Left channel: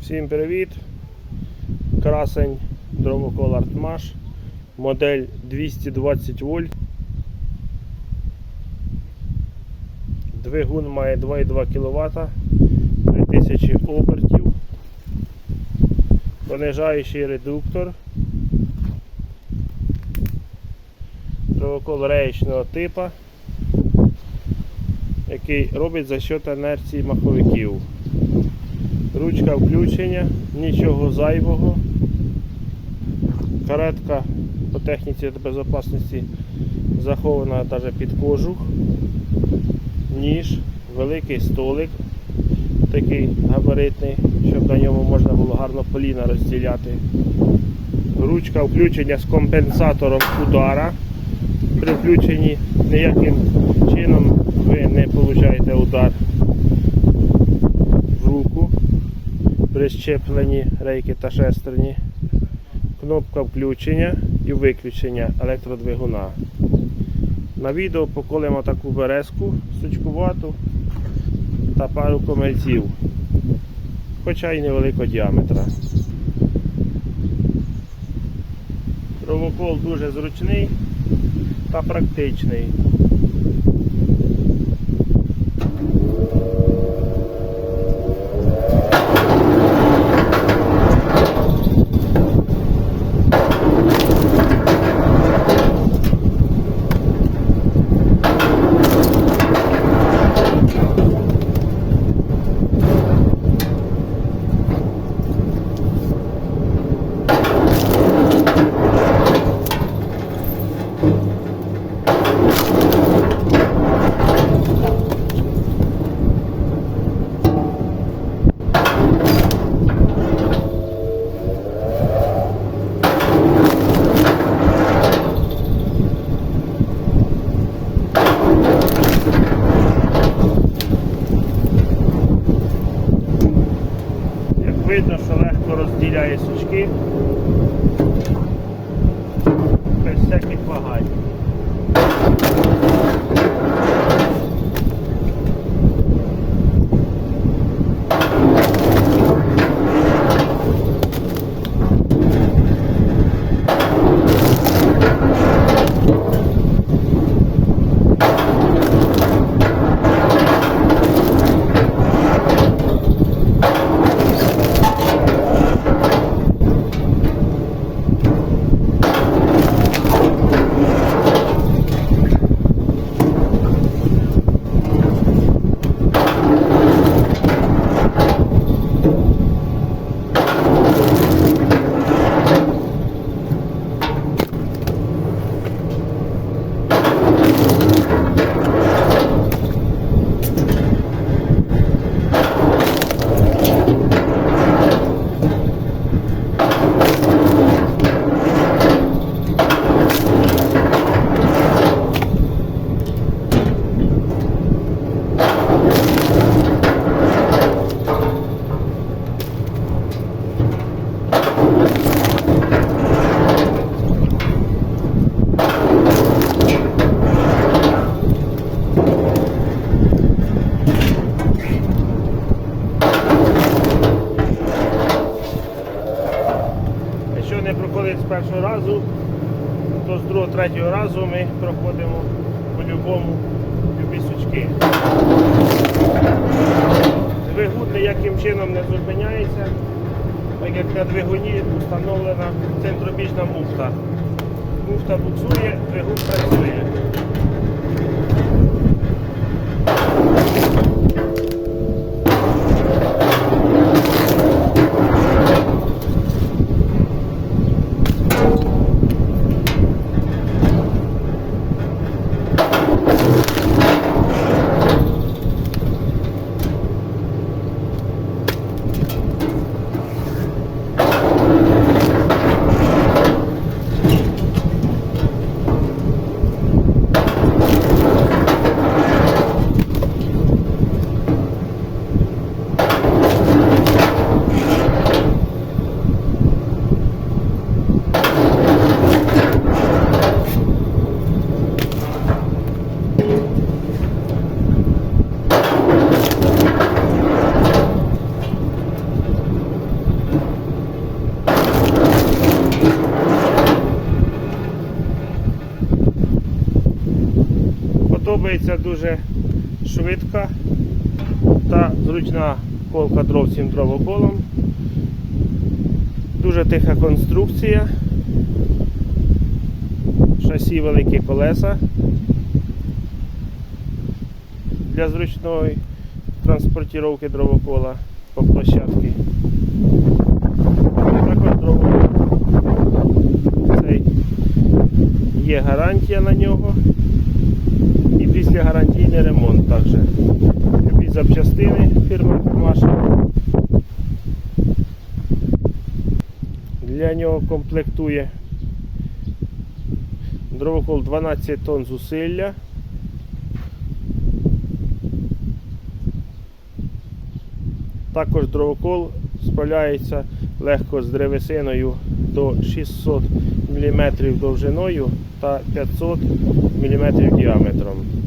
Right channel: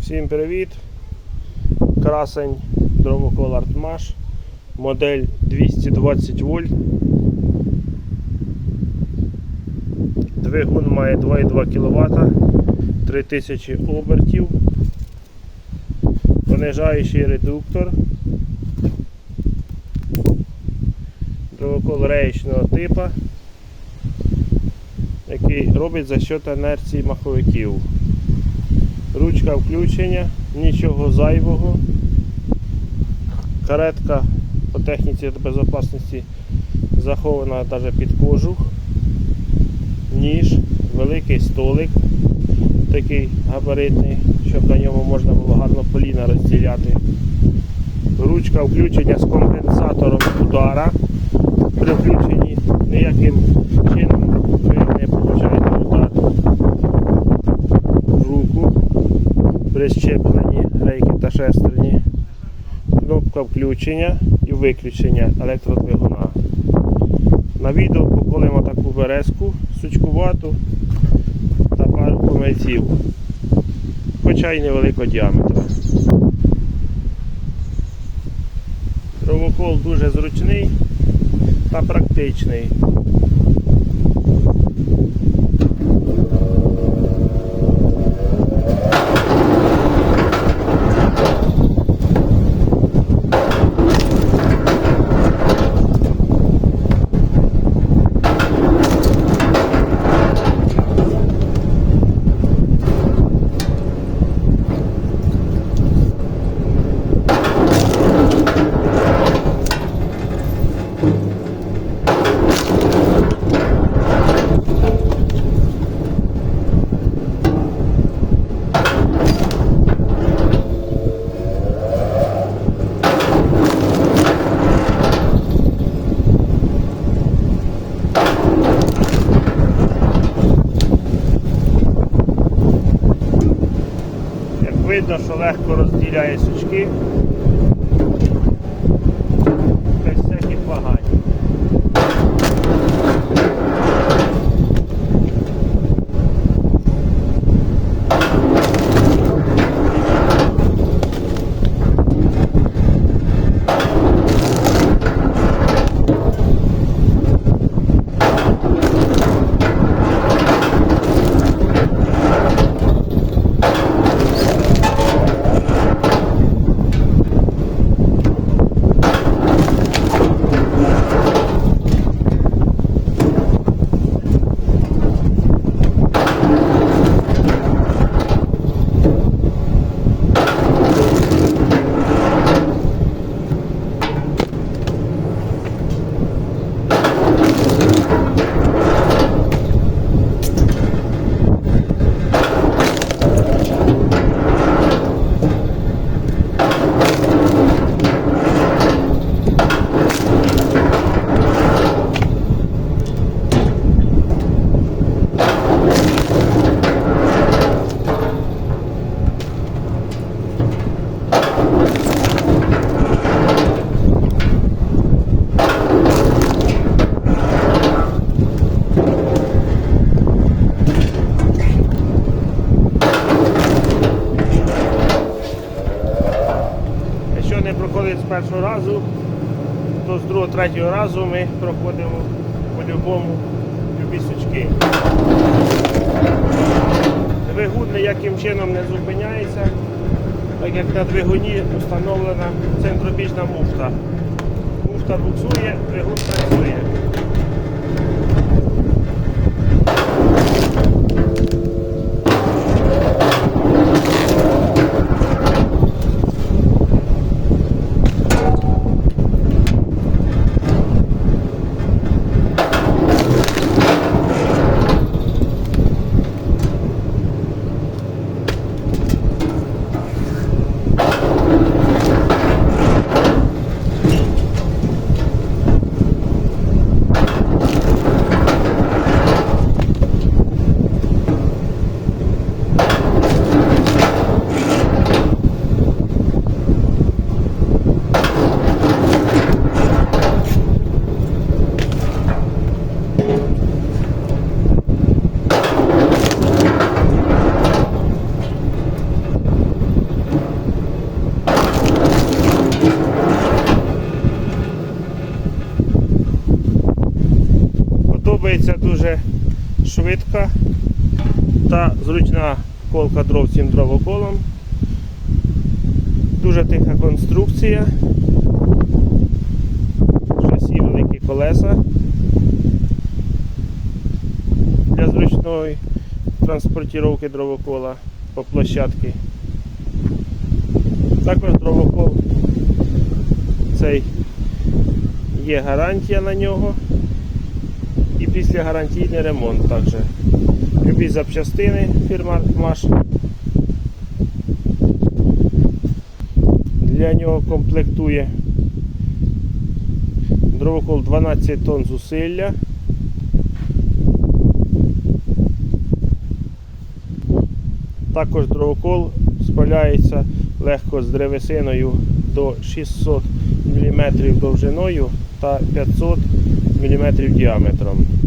Всім привіт! Красень дровокол Артмаш, модель 220 вольт. Двигун має 2,2 кВт, 3000 обертів, понижаючий редуктор, дровокол реєчного типу, який робить за счет інерції маховиків. Ручка включення, нічого зайвого. Каретка по техніці безпечності захована навіть під кожух, ніж, великий столик, такий габаритний, щоб на ньому можна було гарно поліна розділяти. Ручка включення з компенсатором удара. При включенні ніяким чином ви не отримуєте удар при щепленні рейки та шестерні, кнопка включення і виключення електродвигуна. На відео поколимо таку березку сучкувату та пару помильців, хоча й невеликого діаметра. Тровокол дуже зручний та практичний. Як видно, що легко розділяє сучки першого разу, то з другого, третього разу ми проходимо по-любому любі сучки. Двигун ніяким чином не зупиняється, так як на двигуні встановлена центробіжна муфта. Муфта буксує, двигун працює. Дуже швидка та зручна колка дров цим дровоколом. Дуже тиха конструкція. Шасі великі колеса для зручної транспортировки дровокола по площадці. Також дровокол цей є гарантія на нього. Після гарантійний ремонт також. Любі запчастини фірма Маш. Для нього комплектує дровокол 12 тонн зусилля. Також дровокол справляється легко з древесиною до 600 мм довжиною та 500 мм діаметром.